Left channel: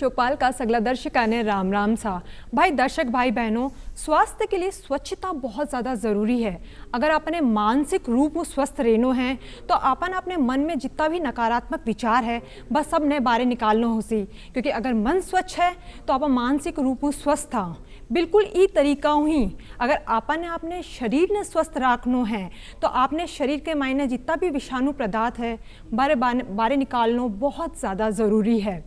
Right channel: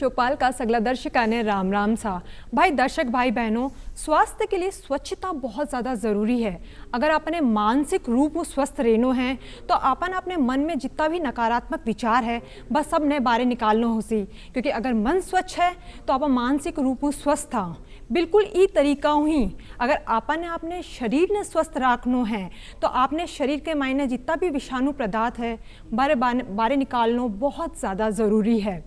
चौपाल का सगला दर्शका ने राम राम सा। भाई दर्शक भाई बहनों, स्वास्थ्य के लिए स्वच्छता बहुत ज़्यादा ज़रूरी है। अगर अपने मानसिक रूप में स्वस्थ रहनो है तो अपन अपने मन में जितना भी नकारात्मक विचार है बस सब ने बारे निकालना हो सी, क्योंकि अगर मन स्वच्छ है तो अपन मानसिक रूप में स्वस्थ था। बिल्कुल ई तरीका ही अगर आपने अपने शरीर ने स्वस्थ रखना है तो आपने शरीर के मायने जितना भी विषाणु पदार्थ है बारे निकालना बहुत ज़्यादा ज़रूरी है।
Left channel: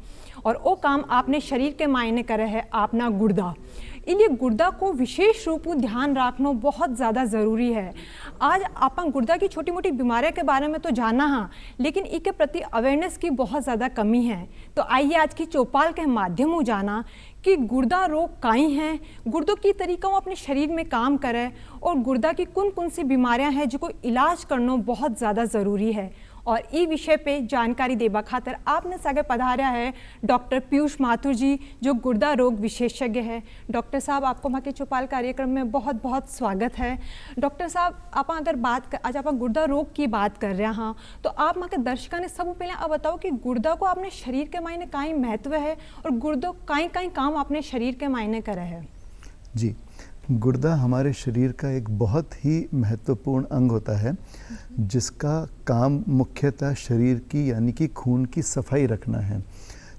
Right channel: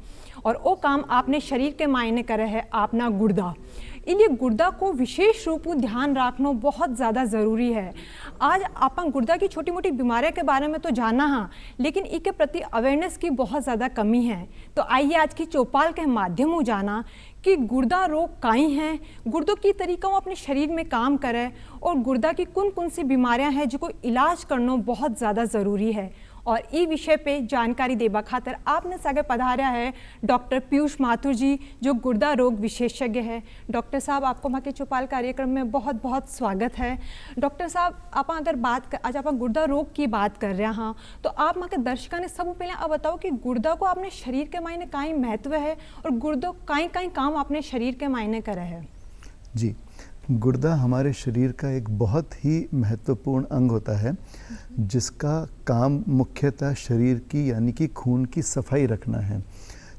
और वो काम आपने शरीर के मायने करे है अपना गुर्दा। इन्हें गुर्दा को विशेष रूप में ध्यान रखना बहुत ज़्यादा ज़रूरी है। आज अपन गुर्दा की छोटी मोटी बीमारियों के बारे में तो जाना हाँ, लेकिन इसके प्रति अवेयरनेस की बहुत ज़्यादा कमी है। तो आइए आज की चौपाल के माध्यम से जाना कि गुर्दा रोग काई हैं, गुर्दों की तरीका वो अपने शरीर में काम करे और गुर्दा की कौन कौन सी बीमारियां हैं जिनको इलाज करना बहुत ज़्यादा ज़रूरी है। और इस विषय पे जानकारी देबा खातर आपने सागे पधारा है डॉक्टर पीयूष माथुर जी, जो गुर्दा रोग विशेषज्ञ है। डॉक्टर साहब, आपको हमारे चौपाल कार्यक्रम में बहुत बहुत स्वागत है। डॉक्टर साहब, आप अगर आज आप गुर्दा रोग की बात कर रहे हैं तो आप हमारे दर्शकों ने सब पहले आप बताओ कि गुर्दा को अपने शरीर के मायने काई महत्व है और गुर्दो काई काई काम अपने शरीर के मायने करे है। जी, गुर्दा हमारे शरीर का एक बहुत ही महत्वपूर्ण अंग होता है जिसका काम मुख्यतः शरीर की यानी कि खून की सफाई रखना है।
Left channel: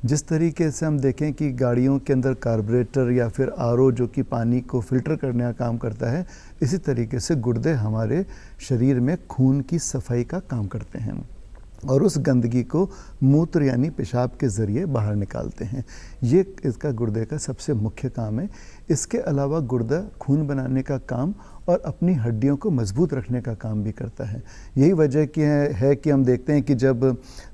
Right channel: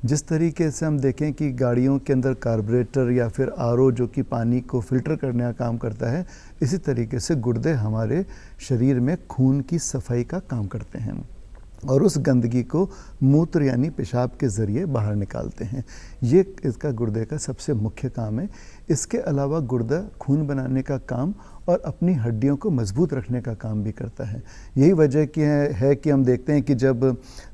जिस तरीके से हम देखें कि गाड़ियों के अंदर कार्बोरेटर या फिर आरओ जो कि पानी को फिल्टर करने का काम करता है, इसी तरीके से गुर्दे हमारे शरीर में खून की सफाई का काम करते हैं और उस गंदगी को मूत्र यानी पेशाब के ज़रिए बाहर निकालते हैं। ये इसका गुर्दे का सबसे मुख्य काम है। इसके अलावा गुर्दा खून बनाने का काम और अपनी हड्डियों को मजबूत रखने का काम भी करता है। यही वजह है कि हम देखते हैं कि जब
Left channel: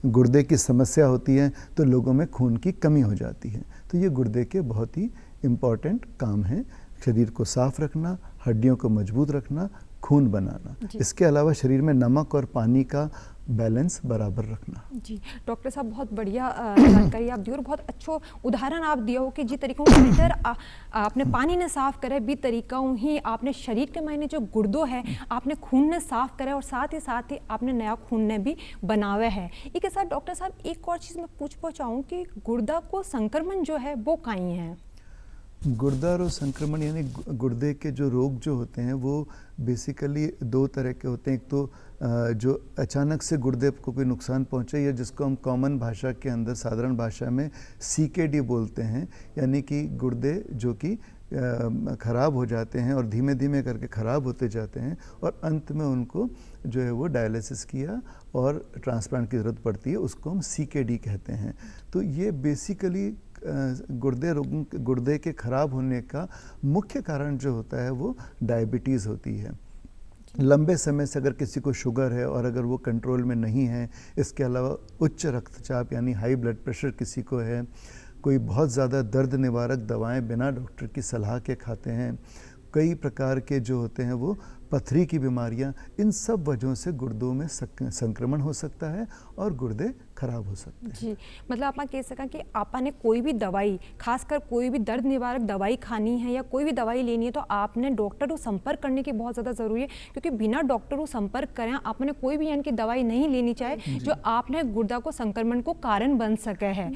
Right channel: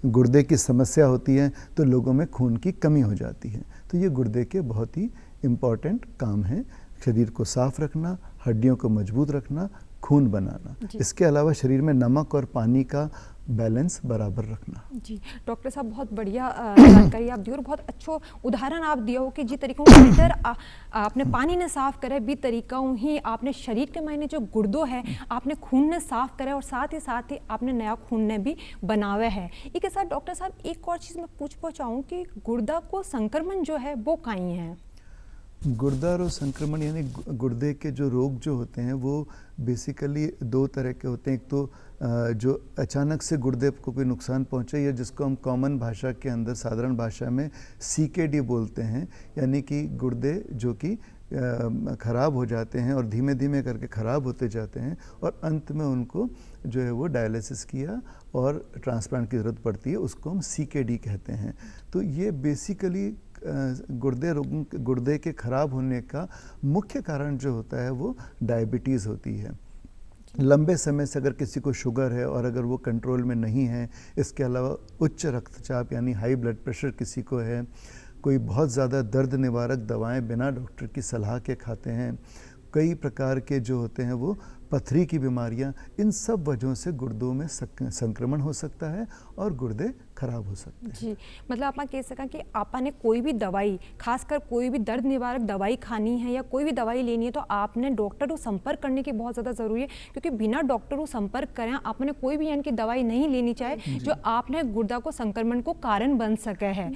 गुर्दे की समस्या होती है तो लोगों में खून की कमी हो जाती है। तो ये गुर्दे के बहुत ही इम्पॉर्टेंट काम है, शरीर को साफ रखना, हड्डियों को मजबूत रखना, खून बनाना। इसके अलावा शरीर में नमक और पानी का बैलेंस बराबर रखना। जी डॉक्टर साहब, बहुत बढ़िया जानकारी आप दी और बहुत अच्छो उदाहरण आप दिया हो कि जिस तरीकों फिल्टर आपने पानी ने साफ करे भी तरीकों ही आपने शरीर के मायने जो गुर्दो है आपने खून ने साफ करे और साथ ही आपने नया खून ने भी बनावे है। इसके साथ डॉक्टर साहब एक और चीज़ मैं पूछ चाहूँ कि गुर्दा को संक्रमण जो है वो काई है। गुर्दा रोग संक्रमण यानी गुर्दे के जो रोग जो होते हैं वो बेसिकली दो तरह के होते हैं। एक तो जो अचानक से गुर्दे को कोई नुकसान पहुंचे या जिसको हम कॉमन भाषा के अंदर साधारण भाषा में सीकेडी बोलते हैं, यानी कि गुर्दे जो कि ख़राब हो जाते हैं और धीमे धीमे करके ख़राब होते जाते हैं और अंत में उनको जो है वो डायलिसिस किया और ट्रांसप्लांट की ज़रूरत पड़ती है, उसको हम सीकेडी कहते हैं। तो ये बेसिकली गुर्दे के ख़राब होने का मुख्य कारण जो होता है वो डायबिटीज़ होती है। लंबे समय से अगर किसी को शुगर है और अगर वो कंट्रोल में नहीं है, इसके अलावा उच्च रक्तचाप यानी हाई ब्लड प्रेशर किसी को है, कोई बहुत ज़्यादा दर्द निवारक दवाएं बिना डॉक्टर की सलाह के खाते हैं, कई प्रकार के जो होते हैं वो पथरी की बीमारियां, इन सब वजहों से गुर्दों में संक्रमण हो सकता है और गुर्दे खराब हो सकते हैं। जी, मतलब आप कह सकें कि आपने कोई भी दवाई, खासकर कोई भी दर्द निवारक दवाई खानी है या कोई भी दवाई लेनी है तो आपने डॉक्टर को संपर्क करने की बहुत ज़्यादा ज़रूरी है, क्योंकि बिना डॉक्टर को संपर्क करें आपने कोई भी यानी कि दवाई नहीं लेनी चाहिए जो आपने गुर्दा को संक्रमण को कारण बन सके है।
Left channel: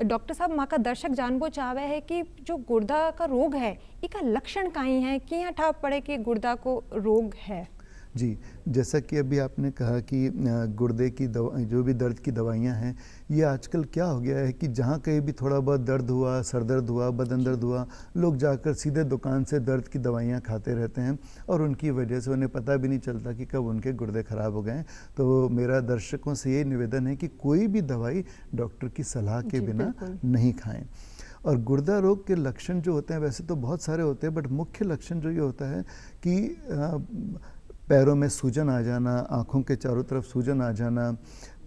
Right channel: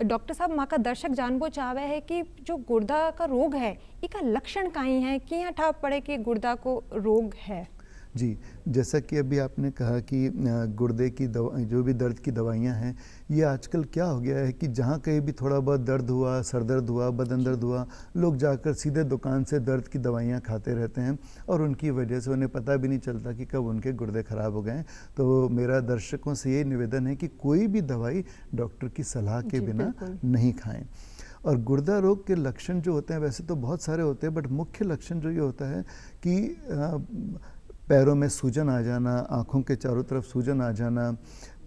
डॉक्टर साहब, माँ का दर्शक जानबो चाहे है कि जो गुर्दा का रोग है इसका लक्षण काई है, क्या ठाप पड़े कि गुर्दा को रोग है। जी, जैसा कि अभी आपने कहा कि गुर्दे की जो भी दर्द की दवाइयाँ हैं, ये आजकल क्या हो गया है कि जहाँ कहीं भी थोड़ा बहुत दर्द हुआ, सर दर्द हुआ, बदन दर्द हुआ, लोग जाकर सीधे दुकान से दर्द की दवाइयाँ खाते रहते हैं और उनकी वजह से उन्हें पता भी नहीं चलता कि कब उनके गुर्दे ख़राब हो गए। तो मेरा दर्शकों से ये निवेदन है कि कोई भी दवाई डॉक्टर की सलाह के बिना नहीं खाएँ। और गुर्दा रोग के लक्षण जो होते हैं वैसे तो बहुत सारे होते हैं, बट मुख्य लक्षण जो ये होता है कि पैरों में सूजन आ जाना, आँखों के चारों तरफ सूजन आ जाना,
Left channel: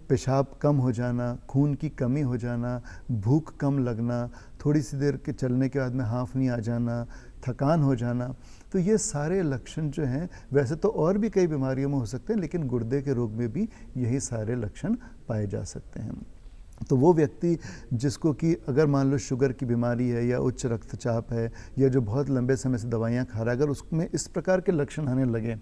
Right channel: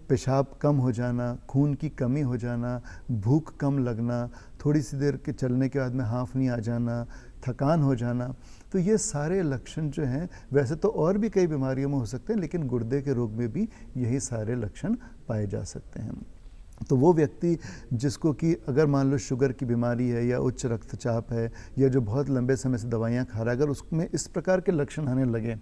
पेशाब कम हो जाना, खून की कमी हो जाना, भूख कम लगना, थोड़ी सी देर के चलने के बाद में हांफनी आ जाना, थकान हो जाना। तो ये सारे लक्षण जो हैं, वैसे तो और भी कई बीमारियों में हो सकते हैं लेकिन गुर्दे के रोग में भी यही सारे लक्षण पाए जा सकते हैं। तो वो व्यक्ति जिसको कि अगर मान लो शुगर की बीमारी है या उच्च रक्तचाप है या जो बहुत लंबे समय से दवाइयाँ खा रहा है, अगर उसमें इस प्रकार के लक्षण आने लगे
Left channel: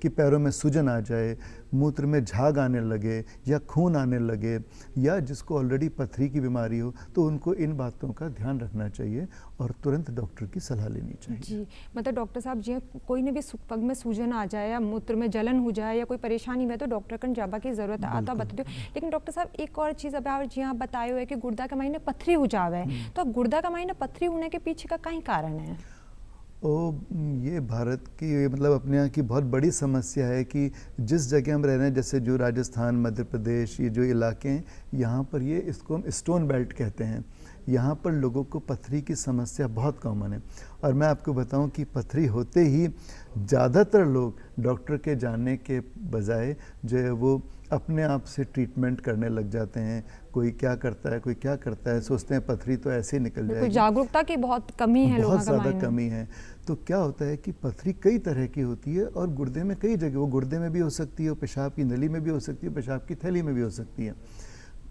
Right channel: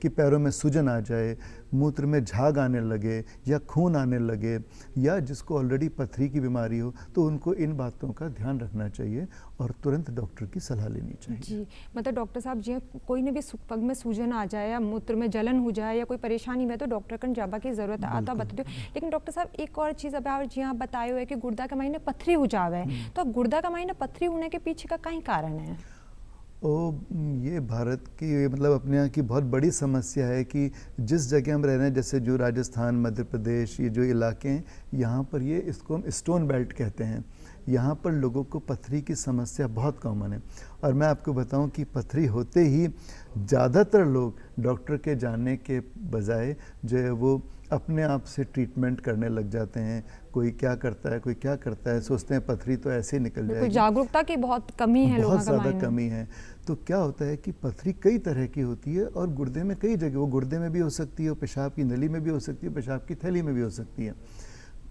कि पैरों में सूजन आ जाए, मूत्र में झाग आने लगे या खून आने लगे, या जिसको ऑलरेडी पथरी की बीमारी हो, तो उनको इन बातों का ध्यान रखना चाहिए और तुरंत डॉक्टर की सलाह लेनी चाहिए। जी, मतलब डॉक्टर साहब जी कोई ने भी पग में सूजन आ जाए या मूत्र में जलन हो जाए या कोई परेशानी हुई तो डॉक्टर कन जाबा की जरूरत है, आता बता दो। लेकिन डॉक्टर साहब एक और चीज़ अब जी आप बताए हुए कि गुर्दा के महीने पथरी हो जावे, तो गुर्दा का महीने पथरी होने के पीछे का कई कारण है? ये भारत की मतलब अपने यहाँ की बहुत बड़ी समस्या है कि जिस जगह हम रह रहे हैं, जैसे जो राजस्थान, मध्य प्रदेश, ये जो इलाके हैं, यहाँ पर ये इसको हम स्टोन बेल्ट कहते हैं। यहाँ पर लोगों को पथरी की समस्या बहुत कॉमन है। और मैं आपको बताऊं कि पथरी होते ही ज़्यादातर लोग डॉक्टर के जाने के बजाय जो है वो अपने आप से ट्रीटमेंट करने लग जाते हैं। कोई क्या करता है, कोई क्या करता है, सोचते हैं पथरी तो ऐसे ही निकल जाएगी। जागरूकता की बहुत कमी है, बहुत ज़्यादा कमी है। तो क्या होता है कि पथरी कई तरह की होती है और गुर्दे में कई जगह, वो गुर्दे में भी हो सकती है, पेशाब की नली में भी हो सकती है, पेशाब की थैली में भी हो सकती है।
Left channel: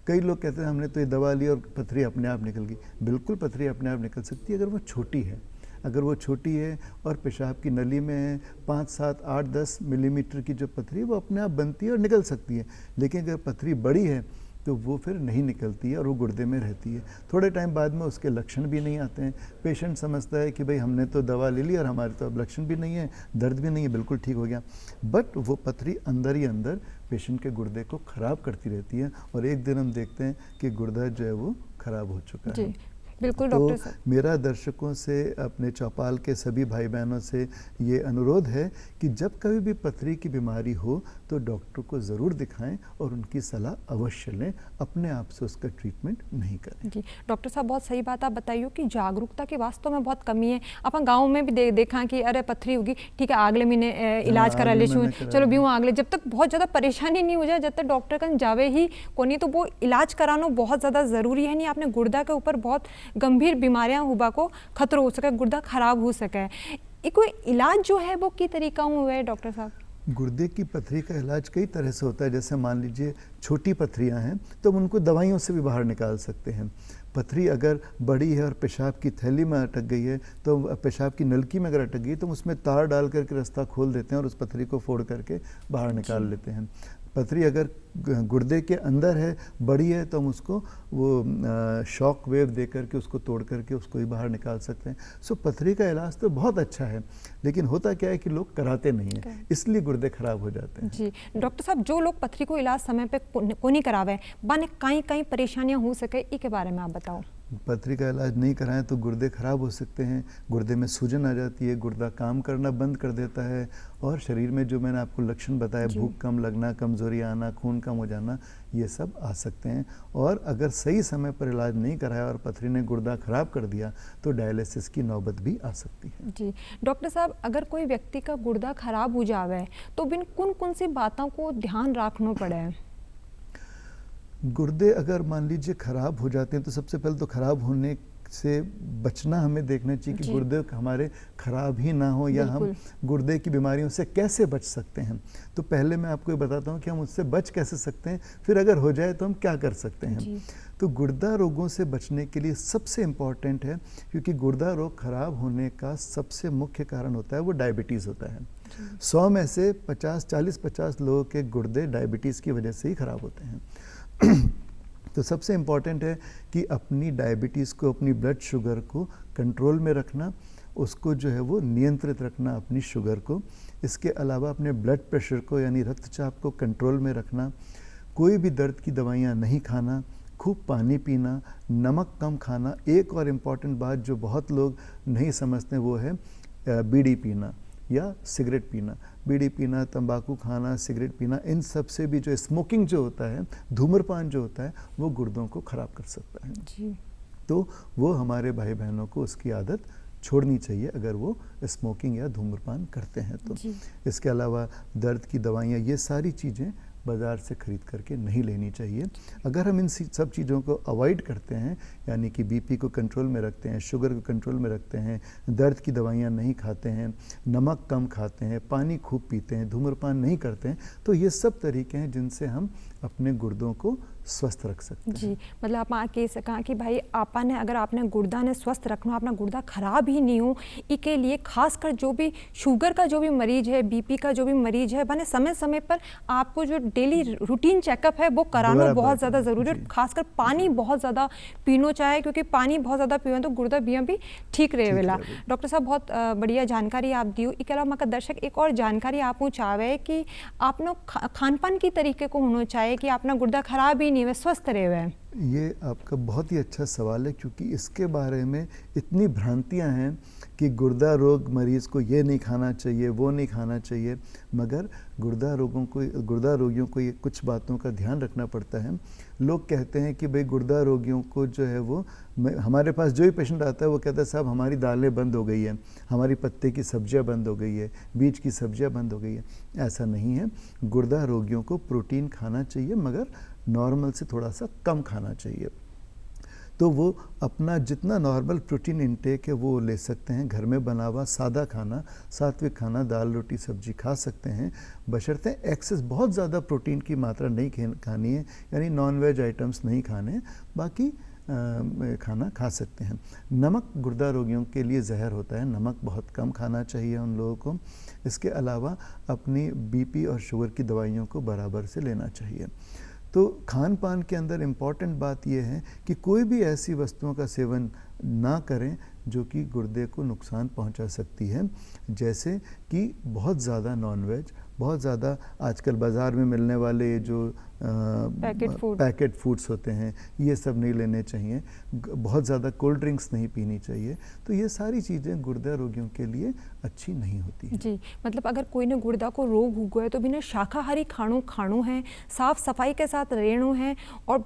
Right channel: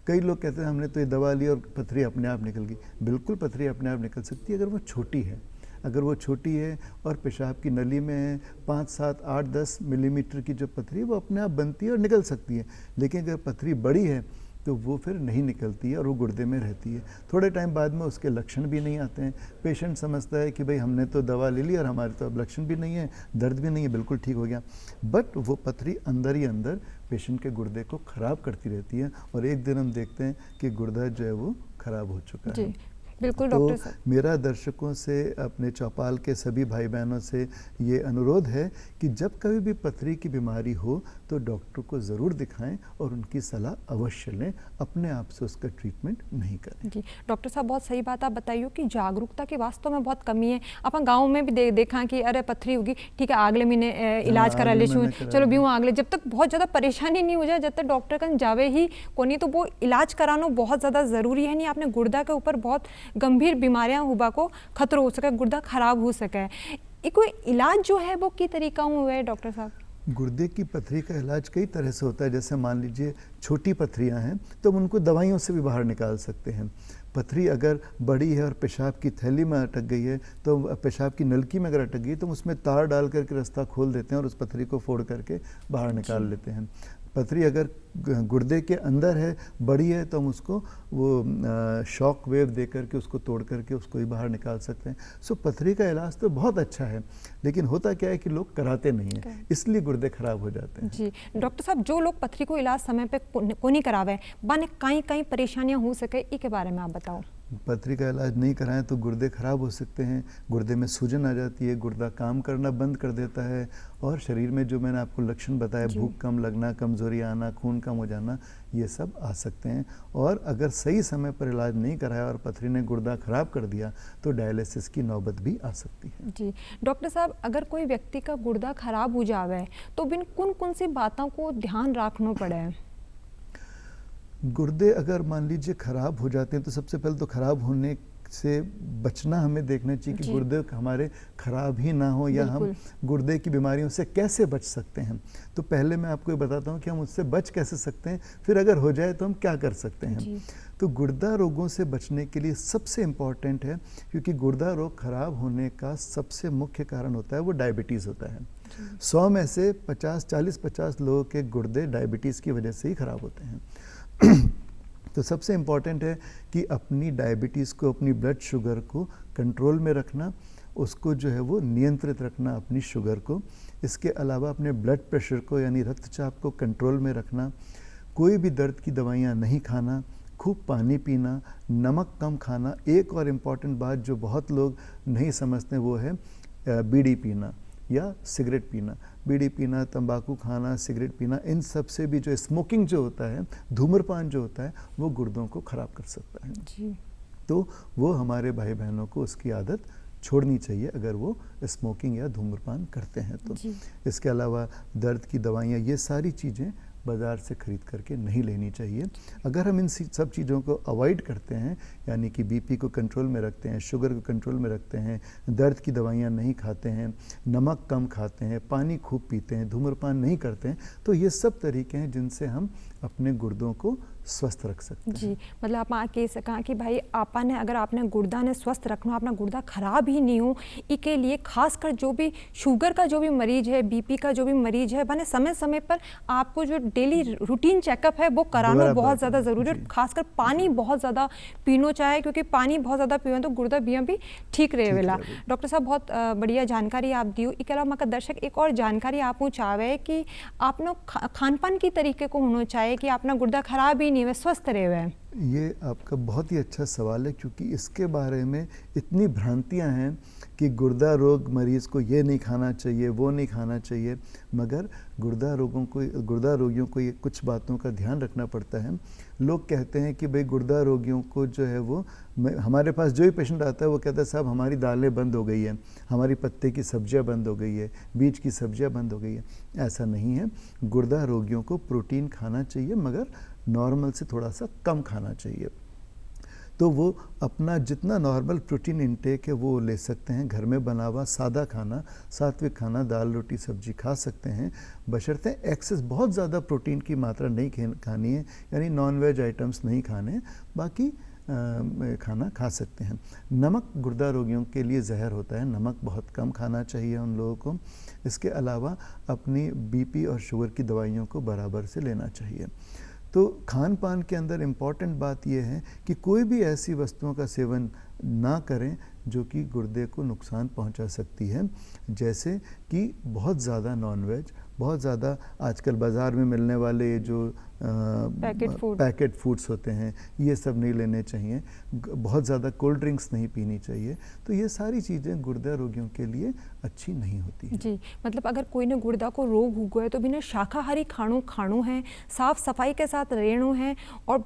कई लोग कहते हैं हमने तो ये दवा ली और पथरी अपने आप निकल गई। बिल्कुल पथरी अपने आप निकल सकती है अगर वो छोटी है। अगर वो छोटी है और पेशाब की नली में है, 5, 7, 8, 10 मिलीमीटर की जो पथरी वो अपने आप बनती है और निकल सकती है। लेकिन अगर पथरी बड़ी है तो वो फिर नहीं निकलती है और वो गुर्दे में रहती है। थोड़े टाइम बाद में उसके लक्षण भी नहीं आते हैं। पेशेंट समझता है कि भाई हमने तो दवा ले ली और हमारे तो अब लक्षण भी नहीं है, दर्द भी नहीं है, बिल्कुल ठीक हो गया। बट वो पथरी अंदर ही अंदर पेशेंट के गुर्दे को ख़राब करती रहती है और एक दिन हम देखते हैं कि गुर्दा जो है वो ख़राब हो चुका है। बिल्कुल तो डॉक्टर साहब, मेरा दर्शकों से, अपने चौपाल के सभी भाई बहनों से ये अनुरोध है कि जब कभी भी पथरी की बीमारी हो तो डॉक्टर को ज़रूर दिखाएं और उनकी सलाह अवश्य लें। अपने आप से उसका ट्रीटमेंट नहीं करें। जी डॉक्टर साहब, बहुत सही बात आप बताइए कि जागरूकता की वास्तव में बहुत कमी है। अपन गाँव में भी देखा कि अरे पथरी होगी, ठीक है अगले महीने इलाज करा ले, चलो भी वहाँ अगले, जब तक बहुत ज़्यादा परेशानी नहीं हो जाए, जब तक डॉक्टर कन जावे ही को नहीं, तो वो इलाज कराना बहुत ज़्यादा ज़रूरी है। नहीं आपने गुर्दा के ऊपर बहुत गंभीर बीमारियां हुआ को खतरा हो सके, गुर्दा खराब हो सके, ये कोई इलाज जो है वो की तरीका हुआ है डॉक्टर साहब? गुर्दे की पथरी का इलाज कई तरह से होता है। जैसे मान लीजिए छोटी पथरियां हैं तो हम उनको दवाइयों से भी बाहर निकाल सकते हैं। पथरी अगर बड़ी है और पेशाब की थैली में अटक गई है, तो पेशाब की नलकी में अगर अटक गई तो उसमें तार डाल करके रास्ता खोल देते हैं और उस पथरी को फोड़ करके बाहर निकाल लेते हैं। पथरी अगर गुर्दे के अंदर है, बड़ी है, तो हम उसको वो शॉक वेव दे करके उसको तोड़ करके उसको ही बाहर निकाल सकते हैं। सो पथरी का इलाज तो बहुत अच्छा है, लेकिन होता क्या है कि लोग कराते नहीं हैं, इसलिए गुर्दे खराब हो जाते हैं। जी डॉक्टर साहब, जो लोग पथरी को इलाज समय पे को नहीं करावे, बाने कई कई परेशानियां हो सके, इसके बारे में आप बताओ। पथरी का इलाज नहीं कराएं तो गुर्दे खराब हो सकते हैं, गुर्दे में सूजन आ जाती है, गुर्दा काम करना बंद कर देता है और शरीर में जो मैंने आपको लक्षण बताया, भूख कम लगना, कमजोरी आना, खून कम हो जाना, ये सब आ सकते हैं। और अगर सही समय पर इलाज नहीं कराया और पथरी ने गुर्दा खराब कर दिया तो डायलिसिस की नौबत भी आ सकती है। जी डॉक्टर साहब, अगर कोई व्यक्ति का गुर्दा खराब हो जावे तो बिन कौन कौन सी बातों को ध्यान रखना पड़े? गुर्दे अगर मान लीजिए खराब हो जाते हैं तो सबसे पहले तो खराब होने से बचना हमें देखना चाहिए कि गुर्दे हमारे खराब ही ना हो, या हम गुर्दे की बीमारियों से कैसे बच सकते हैं। तो पहले मैं आपको ये बताता हूँ कि हम उससे बच कैसे सकते हैं, फिर अगर हो जाए तो हम क्या कर सकते हैं। तो गुर्दा रोगों से बचने के लिए सबसे इम्पॉर्टेंट है, क्योंकि गुर्दा रोग खराब होने का सबसे मुख्य कारण होता है वो डायबिटीज़ होता है। 100 में से 40-50 लोगों के गुर्दे डायबिटीज़ की वजह से ही खराब होते हैं। तो सबसे इम्पॉर्टेंट है कि अपनी डायबिटीज़ को, अपनी ब्लड शुगर को कंट्रोल में रखना, उसको जो है वो नियंत्रित रखना, अपनी शुगर को। इसके अलावा अपने ब्लड प्रेशर को यानी रक्तचाप को कंट्रोल में रखना, कोई भी दर्द की दवाइयाँ नहीं खाना, खूब पानी पीना, नमक कम खाना। एक और इम्पॉर्टेंट बात जो बहुत लोग नहीं समझते वो है बीड़ी पीना या सिगरेट पीना। बीड़ी पीना, तंबाकू खाना, सिगरेट पीना, इन सब से भी जो स्मोकिंग जो होता है, धूम्रपान जो होता है, वो गुर्दों को खराब कर सकता है। जी। तो वो हमारे भाई बहनों को उसकी आदत छोड़नी चाहिए अगर वो स्मोकिंग या धूम्रपान करते हैं तो। इसके अलावा दर्द की दवाइयाँ, ये सारी चीज़ें बाज़ार से ख़रीद करके नहीं लेनी चाहिए। अगर हम इन सब चीज़ों को अवॉइड करते हैं, यानी कि बीपी को कंट्रोल में रखते हैं, शुगर को कंट्रोल में रखते हैं, दर्द की दवाइयाँ नहीं खाते हैं, नमक कम खाते हैं, पानी खूब पीते हैं, धूम्रपान नहीं करते हैं, तो ये सब तरीके हैं जिनसे हम अपने गुर्दों को स्वस्थ रख सकते हैं। जी, मतलब आप कह सका कि भाई आपा ने अगर आपने गुर्दा ने स्वस्थ रखना, अपना गुर्दा खराब ही नहीं हो, इसके लिए खासकर जो भी शुगर का जो भी मरीज है, बीपी का जो भी मरीज है, बने समय समय पर आपको जो डेली रूटीन चेकअप है वो कराना दोबारा बहुत बात ज़्यादा है, ज़रूरी है। जी। खासकर पानी बहुत ज़्यादा पीनो चाहे, क्योंकि पानी बहुत ज़्यादा पीवे तो गुर्दा बिया भी ठीक रहेला। रहेला। डॉक्टर साहब बहुत बढ़िया जानकारी आप दी। इसके अलावा मका दर्शक एक और जानकारी आप चाहे कि आपनो खान पान की तरीके को होना चाहे कि अपना गुर्दा खराब ही नहीं हुए, स्वस्थ रहे। ये आपका बहुत ही अच्छा सवाल है, क्योंकि इसके बारे में इतनी भ्रांतियां हैं कि गुर्दा रोग मरीज को ये नहीं खाना चाहिए, वो नहीं खाना चाहिए, मगर गुर्दा रोगियों को ये कुछ बातों का ध्यान रखना पड़ता है। लोग कहते हैं कि भाई गुर्दा रोगियों को जो है वो, हमारे पास जो ही पेशेंट आता है वो कहता है साहब हमारी दालें बंद हो गई है, हमारी पत्ते की सब्जियां बंद हो गई है, बीज की सब्जियां बंद हो गई है। ऐसा नहीं है। गुर्दा रोगियों को प्रोटीन खाना चाहिए, मगर नॉर्मल से थोड़ा सा कम खाना चाहिए। तो वो अपना जितना नॉर्मल प्रोटीन इंटेक है वो ले सकते हैं। घर में बना हुआ सादा खाना, सात्विक खाना, दाल रोटी सब्जी खा सकते हैं, बशर्ते एक्सेस बहुत ज़्यादा प्रोटीन की मात्रा नहीं खानी है, यानी नॉन वेज आइटम्स नहीं खाने, बाकी खाना खा सकते हैं। नमक गुर्दा रोगियों के लिए जहर होता है, नमक बहुत कम खाना चाहिए उन लोगों को। इसके अलावा अपनी बीपी और शुगर की दवाइयों को बराबर से लेना चाहिए। तो खान पान के अंदर इम्पॉर्टेंट बात यह है कि कोई भी ऐसी वस्तुओं का सेवन ना करें जो कि गुर्दे को नुकसान पहुंचा सकती है, जैसे कि बहुत ज़्यादा नॉनवेज, बहुत ज़्यादा आजकल बाज़ार में मिलने वाले जो पैकेट फूड्स होते हैं, ये सब नहीं लेने चाहिए। बहुत ज़्यादा कोल्ड ड्रिंक्स नहीं पीनी चाहिए। तो ये सारी चीज़ें गुर्दा रोगियों के लिए अच्छी नहीं होती है। जी, मतलब अगर कोई ने गुर्दा को रोग हो गया तो बिना शाकाहारी खाणों है, साफ सफाई के साथ रहना है, और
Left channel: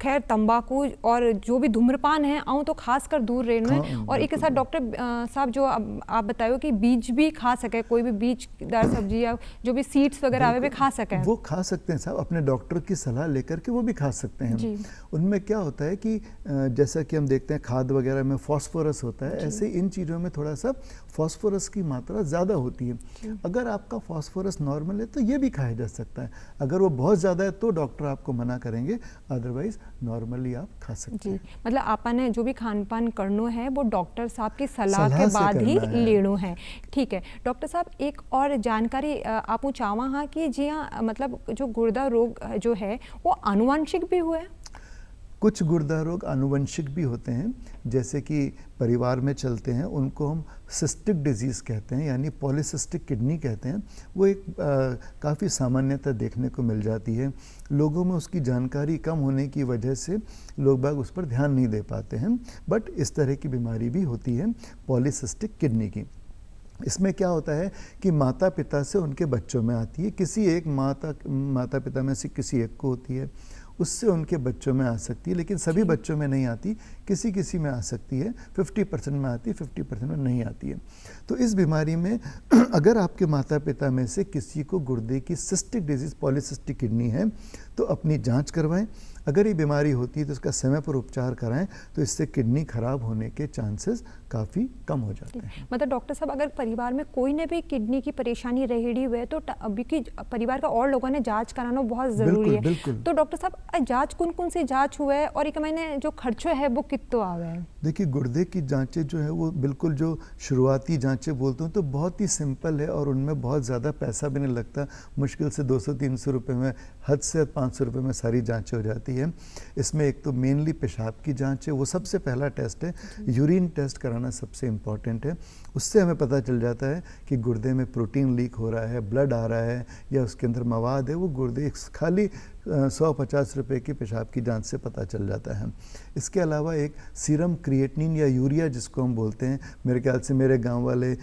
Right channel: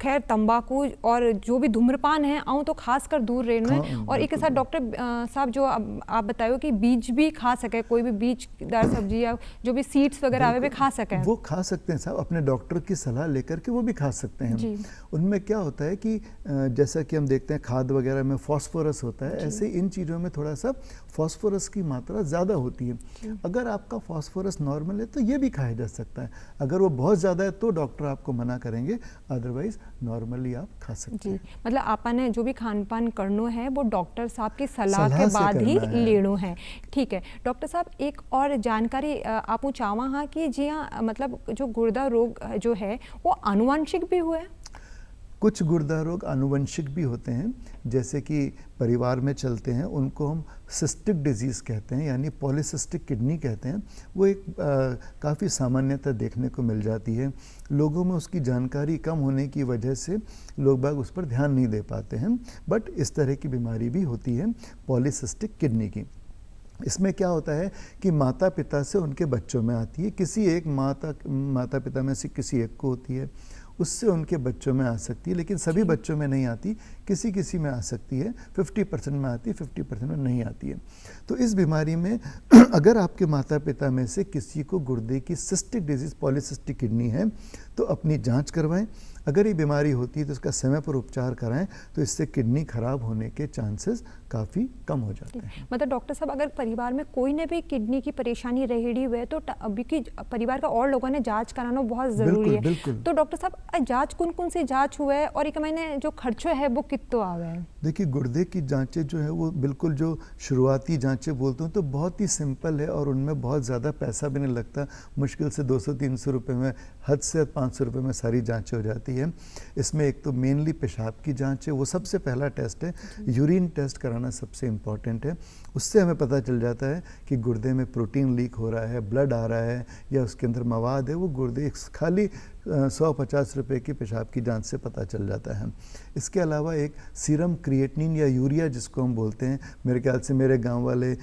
खैर तंबाकू और जो भी धूम्रपान है आऊँ तो खास कर दूर रहना है। और एक साथ डॉक्टर साहब जो आप बताओ कि बीज भी खा सके, कोई भी बीजदार सब्जी या जो भी सीड्स वगैरह आवे वे खा सके, वो खा सकते हैं साहब, अपने डॉक्टर की सलाह लेकर के वो भी खा सकते हैं। उनमें क्या होता है कि जैसा कि हम देखते हैं खाद वगैरह में फास्फोरस होता है, ऐसे इन चीज़ों में थोड़ा सा फास्फोरस की मात्रा ज़्यादा होती है। अगर आपका फास्फोरस नॉर्मल है तो ये भी खाया जा सकता है। अगर वो बहुत ज़्यादा है तो डॉक्टर आपको मना करेंगे, अदरवाइज नॉर्मली आप खा सकते हैं। मतलब आपने जो भी खान पान करना है वो डॉक्टर साहब की सलाह के बाद ही लेना है। ठीक है डॉक्टर साहब, एक और जानकारी आप चाहवा हाँ कि जी हाँ, मतलब जो गुर्दा रोग जो है वो आनुवंशिक भी हुआ है? कुछ गुर्दा रोग आनुवंशिक भी होते हैं, जैसे कि परिवार में चलते हैं, उनको हम सिस्टिक डिजीज़ कहते हैं, यानी पॉलीसिस्टिक किडनी कहते हैं। वो एक काफ़ी सामान्यतः देखने को मिल जाती है। लोगों में उसकी जानकारी कम होने की वजह से लोग बाग उस पर ध्यान नहीं दे पाते हैं, बट इस तरह की बीमारी भी होती है पॉलीसिस्टिक किडनी की। इसमें क्या होता है कि माता पिता से उनके बच्चों में आती है, किसी एक माता पिता में से किसी एक को होती है, उससे उनके बच्चों में आ सकती है, लेकिन सभी बच्चों में नहीं आती, किसी में आ सकती है। 50% में आती है, 50% में नहीं आती है। तो इस बीमारी में अगर आपके माता पिता में से किसी को गुर्दे की सिस्टिक डिजीज़ पॉलीसिस्टिक किडनी है तो अपनी जांच करवाएं। अगर ये बीमारी होती है तो उसका समय पर उपचार कराएं, तो इससे किडनी खराब होने के चांसेस काफ़ी कम हो जाते हैं। मतलब डॉक्टर साहब, अगर परिवार में कोई ने भी किडनी की परेशानी रहेड़ी हुए तो अभी की परिवार का और लोगों ने जांच कराना बहुत ज़रूरी है। तो डॉक्टर साहब, जांच कौन सी जांच हुआ है और एक महीने जो खर्चो है वो कितना आवे है? देखिए, गुर्दे की जांचें जो है वो बिल्कुल जो शुरुआती जांचें बोलते हैं तो बहुत ही सिंपल है, और उनमें बहुत ज़्यादा पैसा भी नहीं लगता। मुश्किल से 200-300 रुपये में, हद से 500 रुपये में सारी जांचें हो जाती है। इसमें एक तो मेनली पेशाब की जांच है, वो सबसे पहला टेस्ट है। यूरिन टेस्ट कराना सबसे इम्पॉर्टेंट है। उससे हमें पता चल जाता है कि गुर्दे में प्रोटीन लीक हो रहा है, ब्लड आ रहा है, या उसके अंदर मवाद है। वो गुर्दे खाली 150 रुपये की पेशाब की जांच से पता चल जाता है। इसके अलावा एक सीरम क्रिएटिनिन या यूरिया जिसको हम बोलते हैं, मेरे ख्याल से मेरे गांव वाले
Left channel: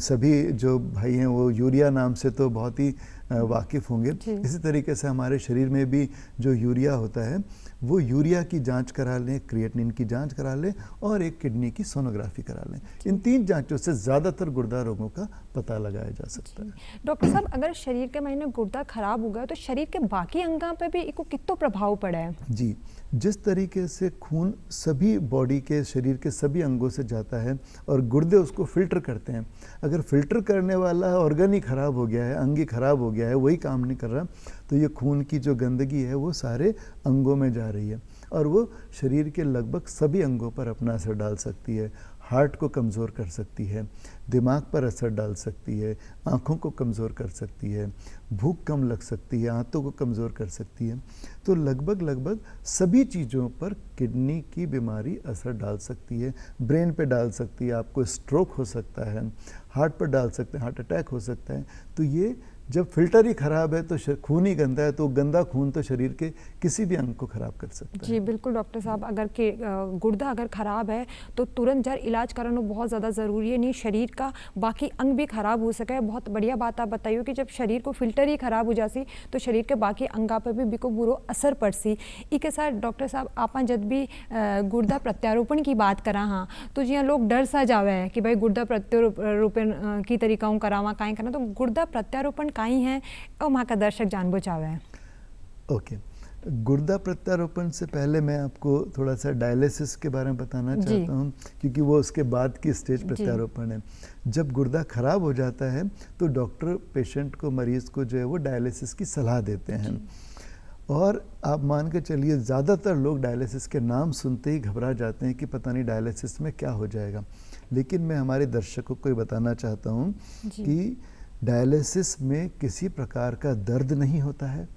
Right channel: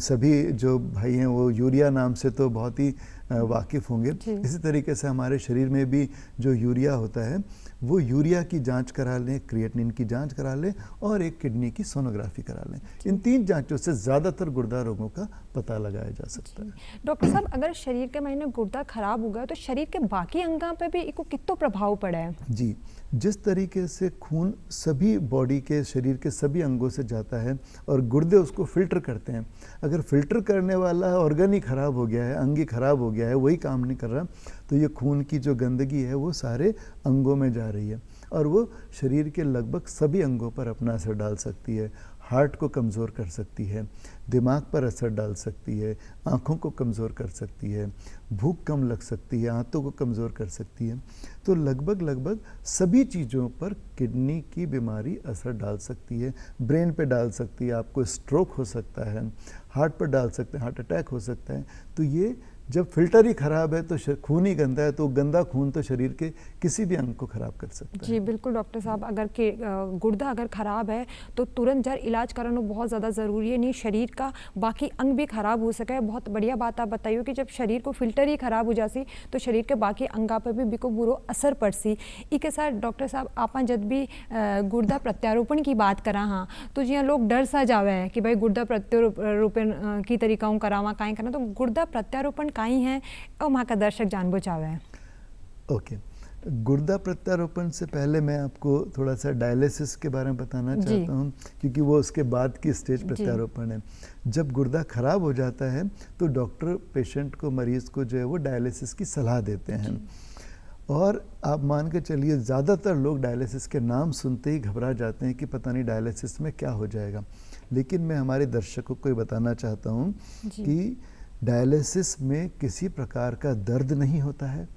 सभी जो भाई हैं वो यूरिया नाम से तो बहुत ही वाकिफ़ होंगे। इसी तरीके से हमारे शरीर में भी जो यूरिया होता है वो यूरिया की जांच करा लें, क्रिएटिनिन की जांच करा लें, और एक किडनी की सोनोग्राफी करा लें। इन 3 जांचों से ज़्यादातर गुर्दा रोगों का पता लगाया जा सकता है। डॉक्टर साहब, अगर शरीर के महीने गुर्दा खराब हो गया तो शरीर के बाकी अंगों पे भी इसको कितना प्रभाव पड़ा है? जी, जिस तरीके से खून सभी बॉडी के, शरीर के सभी अंगों से जाता है और गुर्दे उसको फिल्टर करते हैं, अगर फिल्टर करने वाला ऑर्गन ही खराब हो गया है, अंग ही खराब हो गया गया है, वही काम नहीं कर रहा, तो ये खून की जो गंदगी है वो सारे अंगों में जा रही है और वो शरीर के लगभग सभी अंगों पर अपना असर डाल सकती है। हार्ट को कमज़ोर कर सकती है, दिमाग पर असर डाल सकती है, आँखों को कमज़ोर कर सकती है, भूख कम लग सकती है, आंतों को कमज़ोर कर सकती है। तो लगभग सभी चीज़ों पर किडनी की बीमारी असर डाल सकती है। ब्रेन पे डाल सकती है, आपको स्ट्रोक हो सकता है, हार्ट पर डाल सकते हैं, हार्ट अटैक हो सकता है। तो ये जब फिल्टर ही ख़राब है तो खून ही गंदा है, तो गंदा खून तो शरीर के किसी भी अंग को ख़राब कर सकता है। जी बिल्कुल डॉक्टर साहब, अगर कि गुर्दा अगर ख़राब है तो तुरंत जर इलाज कराना बहुत ज़्यादा ज़रूरी है, नहीं शरीर का बाकी अंग भी ख़राब हो सके। बहुत बढ़िया बात आप बताइए कि जब शरीर को फिल्टर ही ख़राब हो जासी तो शरीर के बाकी अंगा पर भी बिको बुरो असर पड़सी। इके साथ डॉक्टर साहब आप जब भी गुर्दा प्रत्यारोपण की बात करा हाँ तो जिया लोग डर सा जावे है कि भाई गुर्दा प्रत्यारोपण की तरीकाओं करावा काई करना, तो गुर्दा प्रत्यारोपण काई है और वहाँ का दर्शक जान बचावे है। ओके, गुर्दा प्रत्यारोपण से पहले मैं आपको थोड़ा सा डायलिसिस के बारे में बताना चाहता हूँ, क्योंकि वो उसके बाद की स्टेज प्रत्यारोपण है। जब गुर्दा खराब हो जाता है तो डॉक्टर पेशेंट को, मरीज को जो है वो डायलिसिस की सलाह देते हैं। और आप मान के चलिए ज़्यादातर लोग डायलिसिस के नाम सुनते ही घबरा जाते हैं कि पता नहीं डायलिसिस में क्या हो जाएगा। लेकिन मैं हमारे दर्शकों को ये बताना चाहता हूँ कि डायलिसिस में किसी प्रकार का दर्द नहीं होता है।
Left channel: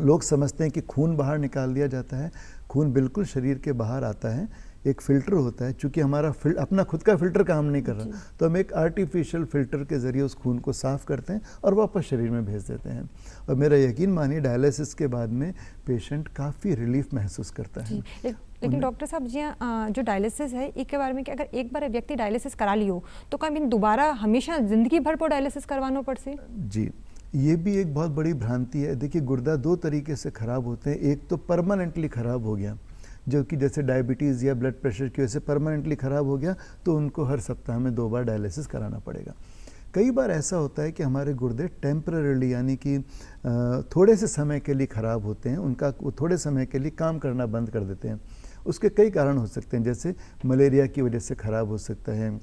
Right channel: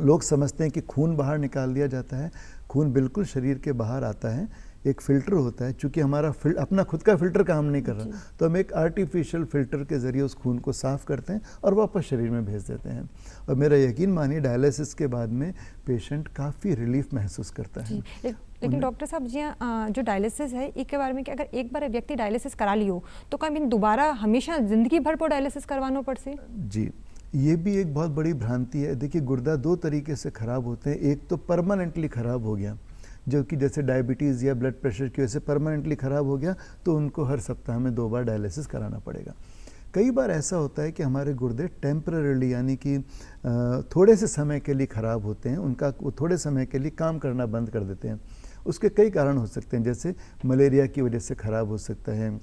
लोग समझते हैं कि खून बाहर निकाल दिया जाता है, खून बिल्कुल शरीर के बाहर आता है। एक फ़िल्टर होता है, चूँकि हमारा अपना खुद का फ़िल्टर काम नहीं कर रहा तो हम एक आर्टिफिशियल फ़िल्टर के ज़रिए उस खून को साफ़ करते हैं और वापस शरीर में भेज देते हैं। और मेरा यकीन मानिए डायलिसिस के बाद में पेशेंट काफ़ी रिलीफ महसूस करता है। लेकिन डॉक्टर साहब जी जो डायलिसिस है इसके बारे में कि अगर एक बार व्यक्ति डायलिसिस करा लियो तो क्या दोबारा हमेशा ज़िंदगी भर पर डायलिसिस करवाना पड़से? जी, ये भी एक बहुत बड़ी भ्रांति है। देखिए, गुर्दा दो तरीके से ख़राब होते हैं। एक तो परमानेंटली ख़राब हो गया, जो कि जैसे डायबिटीज़ या ब्लड प्रेशर की वजह से परमानेंटली ख़राब हो गया तो उनको हर सप्ताह में 2 बार डायलिसिस कराना पड़ेगा। कई बार ऐसा होता है कि हमारे गुर्दे टेम्पररीली यानी कि थोड़े से समय के लिए ख़राब होते हैं, उनका वो थोड़े समय के लिए काम करना बंद कर देते हैं। उसके कई कारण हो सकते हैं, जैसे मलेरिया की वजह से ख़राब हो सकता है,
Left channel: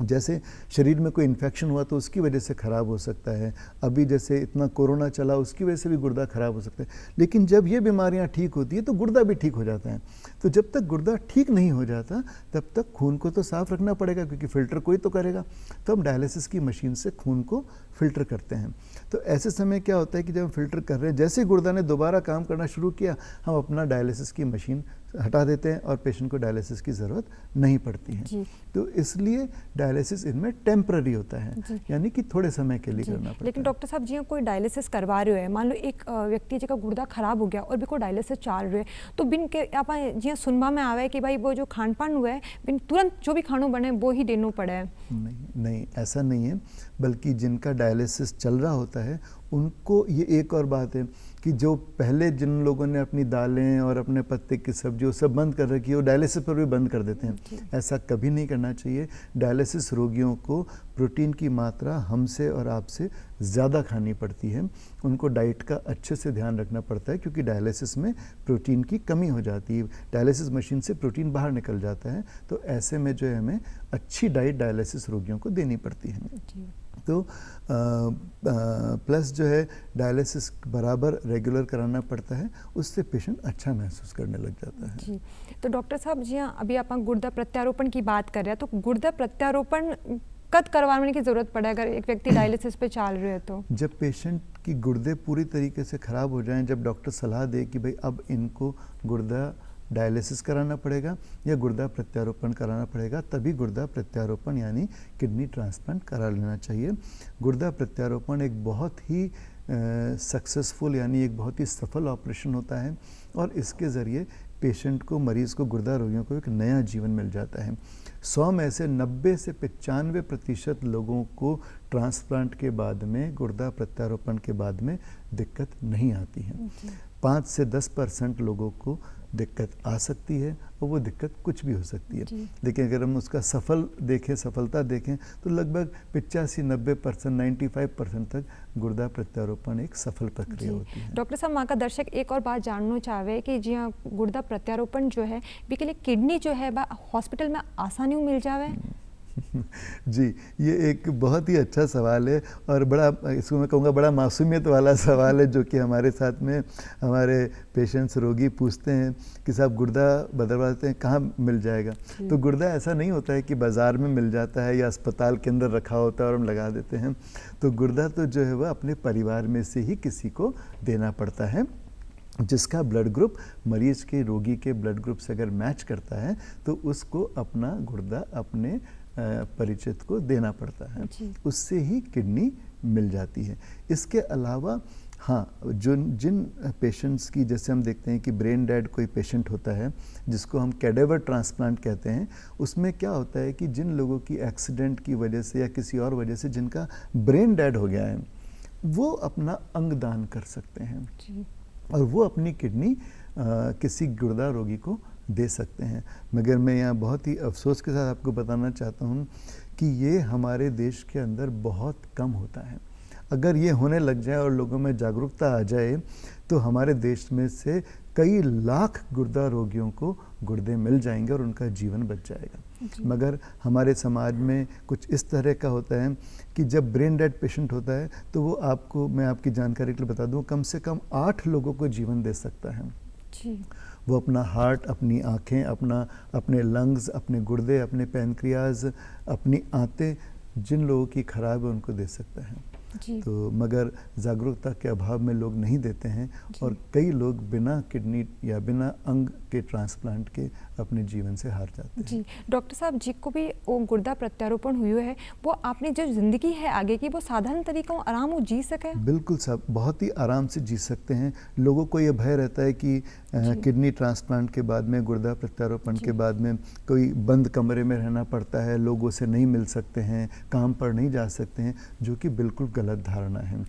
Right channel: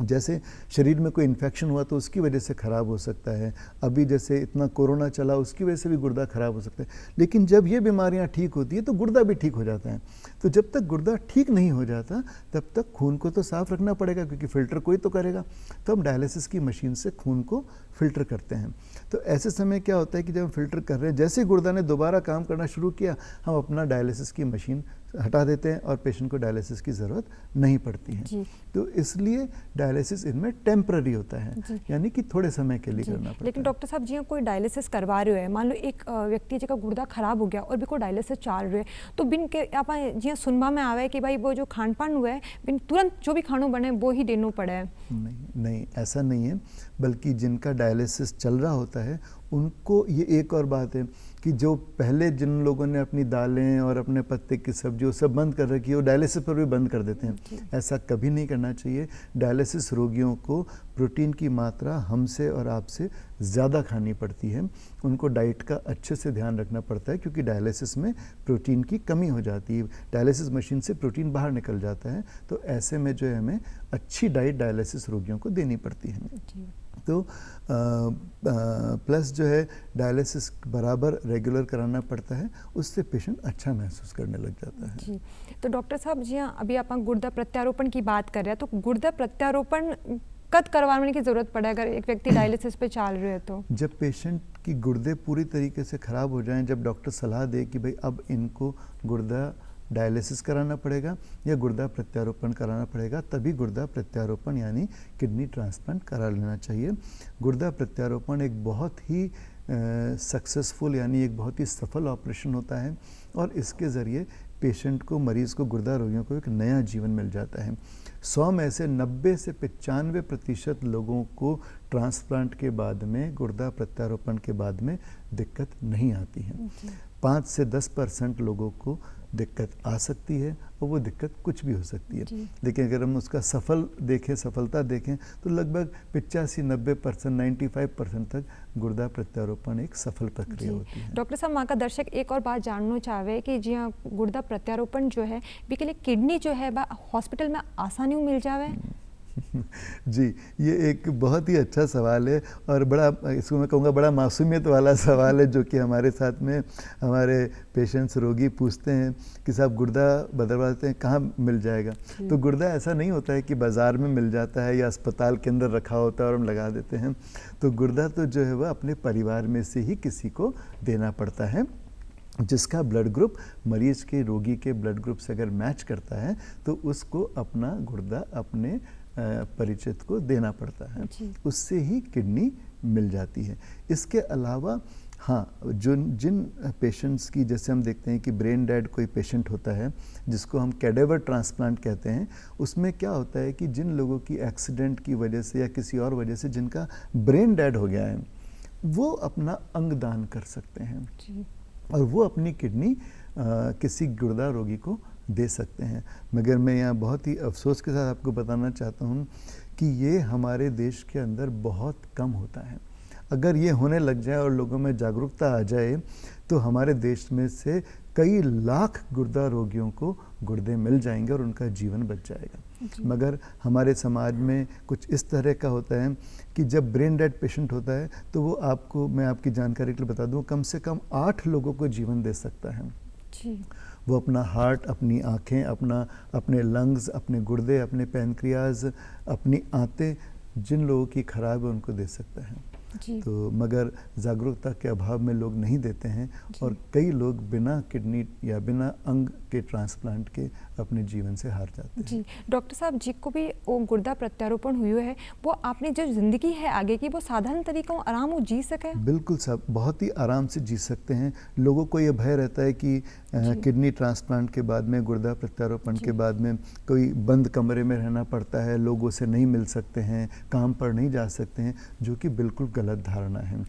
जैसे शरीर में कोई इन्फेक्शन हुआ तो उसकी वजह से ख़राब हो सकता है, अभी जैसे इतना कोरोना चला उसकी वजह से भी गुर्दा ख़राब हो सकता है। लेकिन जब ये बीमारियां ठीक होती है तो गुर्दा भी ठीक हो जाता है। तो जब तक गुर्दा ठीक नहीं हो जाता तब तक खून को तो साफ़ रखना पड़ेगा, क्योंकि फ़िल्टर कोई तो करेगा। तो हम डायलिसिस की मशीन से खून को फ़िल्टर करते हैं। तो ऐसे समय क्या होता है कि जब हम फ़िल्टर कर रहे हैं, जैसे ही गुर्दा ने दोबारा काम करना शुरू किया, हम अपना डायलिसिस की मशीन हटा देते हैं और पेशेंट को डायलिसिस की ज़रूरत नहीं पड़ती है। तो इसलिए डायलिसिस इनमें टेम्पररी होता है, यानी कि थोड़े समय के लिए करना पड़ता है। लेकिन डॉक्टर साहब जी कोई डायलिसिस करवा रहे हो, मान लो एक व्यक्ति जिसका गुर्दा खराब हो गया और भी को डायलिसिस चल रहे तो बिन के आप जी सुनवा में आवे कि भाई वो जो खान पान हुआ है बिन तुरंत जो भी खानों बने वो ही देना पड़े? नहीं, ऐसा नहीं है। बल्कि जिनका डायलिसिस चल रहा होता है उनको ये एक और बात है कि जो पहले जिन लोगों ने अपनी दालें और अपने पत्ते की सब्जी वो सब बंद कर रखी है, वो डायलिसिस पर भी बंद कर देते हैं। ऐसा कभी नहीं करना चाहिए। डायलिसिस रोगियों को प्रोटीन की मात्रा हमसे और आपसे ज़्यादा खानी पड़ती है। उनको डाइट का अच्छे से ध्यान रखना पड़ता है, क्योंकि डायलिसिस में प्रोटीन की कमी हो जाती है। डायलिसिस मशीन से प्रोटीन बाहर निकल जाता है, तो ऐसे में जो है हमें अच्छी डाइट डायलिसिस रोगियों को देनी पड़ती है। तो प्लस जो है डायलिसिस बराबर रेगुलर कराना पड़ता है, उससे पेशेंट अच्छा महसूस करने लग जाता है। जी, तो डॉक्टर साहब जी अभी आप गुर्दा प्रत्यारोपण की बात कर रहे हैं, तो गुर्दा प्रत्यारोपण कब करवाने की ज़रूरत पड़े अगर एक व्यक्ति डायलिसिस पे चल रहे है तो? जब पेशेंट की गुर्दे पूरी तरीके से ख़राब हो जाएं, जब डॉक्टर सलाह दे कि भाई अब इनको गुर्दा डायलिसिस कराना पड़ेगा या गुर्दा प्रत्यारोपण कराना पड़ेगा, तभी गुर्दा प्रत्यारोपण यानी किडनी ट्रांसप्लांट करा लेना चाहिए। गुर्दा प्रत्यारोपण एक बहुत ही सक्सेसफुल यानी एक बहुत ही सफल ऑपरेशन होता है और इसके ज़रिए पेशेंट को, मरीज़ को, गुर्दा रोगियों को एक नया जीवन मिल जाता है। 100 में से 90 से 95% लोगों को ट्रांसप्लांट के बाद में, गुर्दा प्रत्यारोपण के बाद में दिक्कत नहीं आती है। 5 से 10% लोगों को दिक्कत आ सकती है और वो दिक्कत कुछ भी हो सकती है। लेकिन अगर हम उसका सफलता देखें तो लगभग 85-90%, 95% तक गुर्दा प्रत्यारोपण एक सफल प्रक्रिया होती है। डॉक्टर साहब, वहाँ का दर्शक एक और बात जानना चाहे कि जी हाँ गुर्दा प्रत्यारोपण जो है के लिए किडनी जो है हॉस्पिटल में आसानी मिल जावे? जी, ये एक बहुत ही अच्छा सवाल है और बड़ा, इसको मैं कहूँगा बड़ा मासूमियत वाला सवाल है, जो कि हमारे साथ में हमारे पेशेंट्स, रोगी पूछते हैं कि साहब गुर्दा बदलवाते हैं, कहाँ मिल जाएगा? तो गुर्दा ऐसा नहीं होता है कि बाज़ार में मिल जाता है या अस्पताल के अंदर रखा होता है और हम लगा देते हैं। तो गुर्दा तो जो है वह अपने परिवार में से ही किसी को देना पड़ता है, जिसका ब्लड ग्रुप मरीज के, रोगी के ब्लड ग्रुप से अगर मैच करता है तो उसको अपना गुर्दा अपने परिचित को देना पड़ता है, उससे ही किडनी मिल जाती है। इसके अलावा हाँ, जो जिन पेशेंट्स की, जैसे हम देखते हैं कि ब्रेन डेड कोई पेशेंट होता है जिसको हम कैडेवर ट्रांसप्लांट कहते हैं, उसमें क्या होता है कि जिन लोगों की एक्सीडेंट की वजह से या किसी और वजह से जिनका ब्रेन डेड हो गया है, वो अपना अंग दान कर सकते हैं और वो अपनी किडनी किसी गुर्दा रोगी को दे सकते हैं। मगर मैं यहाँ बहुत ही अफसोस के साथ आपको बताना चाहता हूँ कि ये हमारे देश के अंदर बहुत कम होता है। अगर ये होने लग जाए और लोगों में जागरूकता आ जाए तो हमारे देश में से कई लाख गुर्दा रोगियों को गुर्दे मिल जाएंगे और उनका जीवन बच जाएगा। मगर हमारे समाज में कुछ इस तरह का होता है कि जब ब्रेन डेड पेशेंट होता है तो वो आपको, मैं आपकी जानकारी के लिए बता दूं, कम से कम 8 लोगों को जीवन दे सकता है जी। वो अपना हार्ट, अपनी आँखें, अपने लंग्स, अपने गुर्दे, अपने पैनक्रियाज, अपनी आंतें जिन लोगों की खराब है उनको दे सकता है जी। तो मगर जागरूकता के अभाव में लोग नहीं देते हैं और कई लोग बिना किडनी या बिना अंग के ट्रांसप्लांट के अपने जीवन से हार जाते हैं जी। डॉक्टर साहब, जिसको भी वो गुर्दा प्रत्यारोपण हुई है, वो आपने जो जिंदगी है आगे की, वो साधारण तरीकों आराम वो जी सके? बिल्कुल साहब, बहुत ही आराम से जी सकते हैं। लोगों को ये भय रहता है कि किडनी ट्रांसप्लांट के बाद में, गुर्दा प्रत्यारोपण के बाद में कोई बंद कमरे में रहना पड़ता है, लोगों से नहीं मिल सकते हैं, काम पर नहीं जा सकते हैं, जो कि बिल्कुल गलत धारणा है।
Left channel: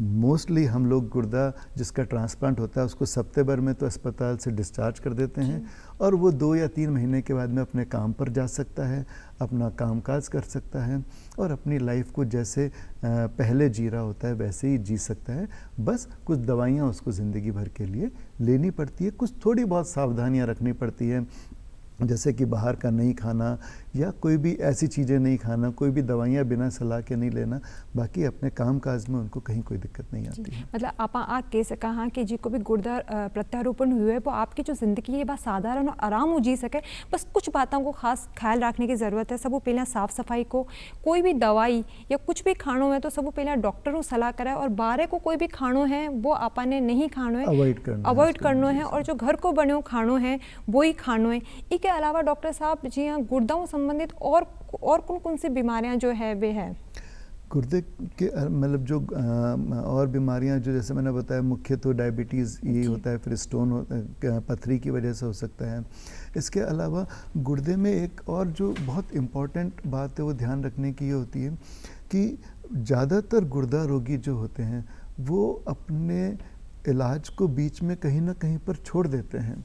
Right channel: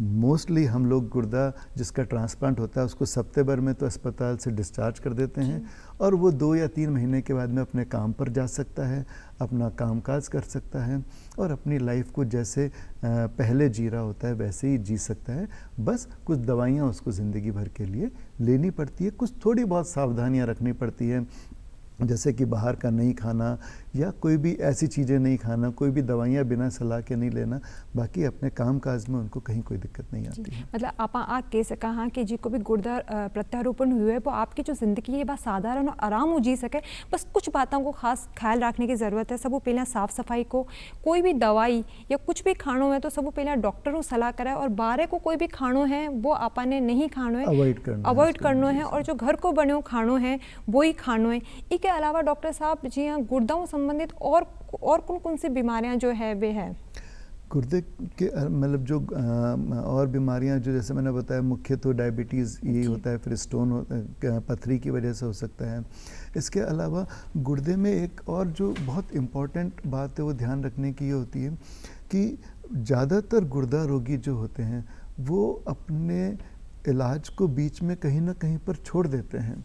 मोस्टली हम लोग गुर्दा जिसका ट्रांसप्लांट होता है उसको हफ्ते भर में तो अस्पताल से डिस्चार्ज कर देते हैं और वो 2 या 3 महीने के बाद में अपने काम पर जा सकता है, अपना कामकाज कर सकता है और अपनी लाइफ को जैसे पहले जी रहा होता है वैसे ही जी सकता है। बस कुछ दवाइयाँ उसको ज़िंदगी भर के लिए लेनी पड़ती है, कुछ थोड़ी बहुत सावधानियाँ रखनी पड़ती है, जैसे कि बाहर का नहीं खाना या कोई भी ऐसी चीज़ें नहीं खाना, कोई भी दवाइयाँ बिना सलाह के नहीं लेना। बाकी अपने काम काज में उनको कहीं कोई दिक्कत नहीं आती है। मतलब आप कह सका हाँ कि जी को भी गुर्दा प्रत्यारोपण हुए है वो आपकी जो जिंदगी है बस साधारण और आराम हो जी सके। बस कुछ बातों को खास ख्याल रखने की ज़रूरत है। सब पहले साफ सफाई को, कोई भी दवाई या कुछ भी खानो है तो सब पहले डॉक्टर को सलाह कराए और बाहर को कोई भी खानो है वो आपने नहीं खानो है, अवॉइड करना है और जो घर को बने खानो है वो ही खानो है। इसके अलावा डॉक्टर साहब जी हाँ, गुर्दों संबंधित और कौन सी बीमारियां जो है वे है? गुर्दे के मतलब जो और बीमारियां जो जैसे मैंने बताया, मुख्य तो डायबिटीज़ यही होता है, फिर स्टोन, पथरी की वजह से हो सकता है। इसके अलावा गुर्दे में एक और जो बहुत इम्पॉर्टेंट बात है वो ध्यान रखने की ये होती है कि ज़्यादातर गुर्दा रोगी जो होते हैं वो अपने इलाज को बीच में कहीं ना कहीं पर छोड़ देते हैं।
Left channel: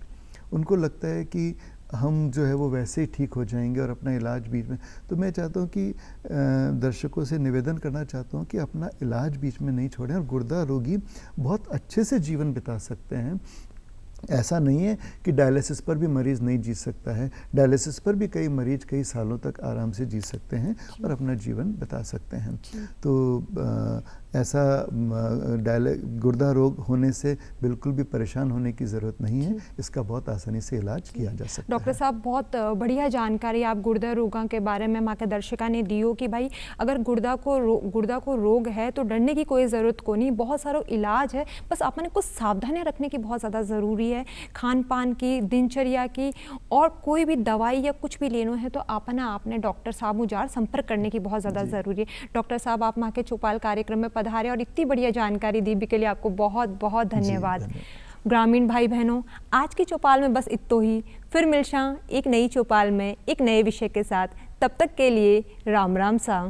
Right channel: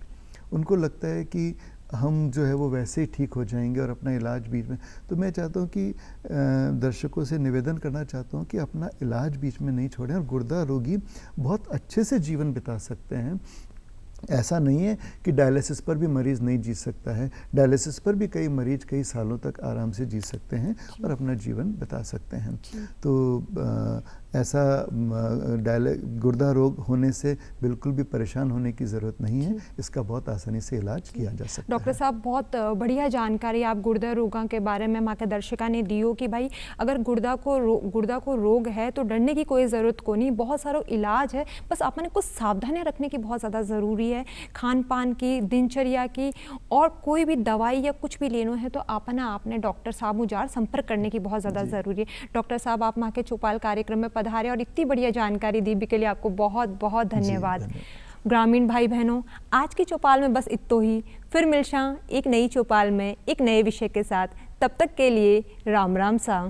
उनको लगता है कि हम जो है वो वैसे ही ठीक हो जाएंगे और अपना इलाज बीच में। तो मैं चाहता हूँ कि दर्शकों से निवेदन करना चाहता हूँ कि अपना इलाज बीच में नहीं छोड़ें और गुर्दा रोगी बहुत अच्छे से जीवन बिता सकते हैं। ऐसा नहीं है कि डायलिसिस पर भी मरीज़ नहीं जी सकता है, डायलिसिस पर भी कई मरीज कई सालों तक आराम से जी सकते हैं और अपना जीवन बिता सकते हैं। तो ऐसा गुर्दा रोग होने से बिल्कुल भी परेशान होने की ज़रूरत नहीं है, इसका बहुत आसानी से इलाज किया जा सकता है। डॉक्टर साहब, बहुत बढ़िया जानकारी आप गुर्दा रोगों के बारे में माँ के दर्शका ने दी हो कि भाई अगर गुर्दा को रोग है तो डरने की कोई ज़रूरत को नहीं, बहुत सारा इलाज है, बस आपने कुछ सावधानियाँ रखने की बहुत ज़्यादा ज़रूरी है। खान पान की, दिनचर्या की और कोई भी दवाई या कुछ भी लेना है तो आपने डॉक्टर साहब मुझार संपर्क करने की बहुत ज़्यादा ज़रूरी है। डॉक्टर साहब, आप माँ के चौपाल कार्यक्रम में पधारे और इतनी बढ़िया जानकारी दी भी के लिए आपको बहुत बहुत धन्यवाद। ग्रामीण भाई बहनों, आज की चौपाल में बस इतना ही। फिर मिलशा एक नई चौपाल में एक नए विषय के साथ। तब तक के लिए राम राम सा।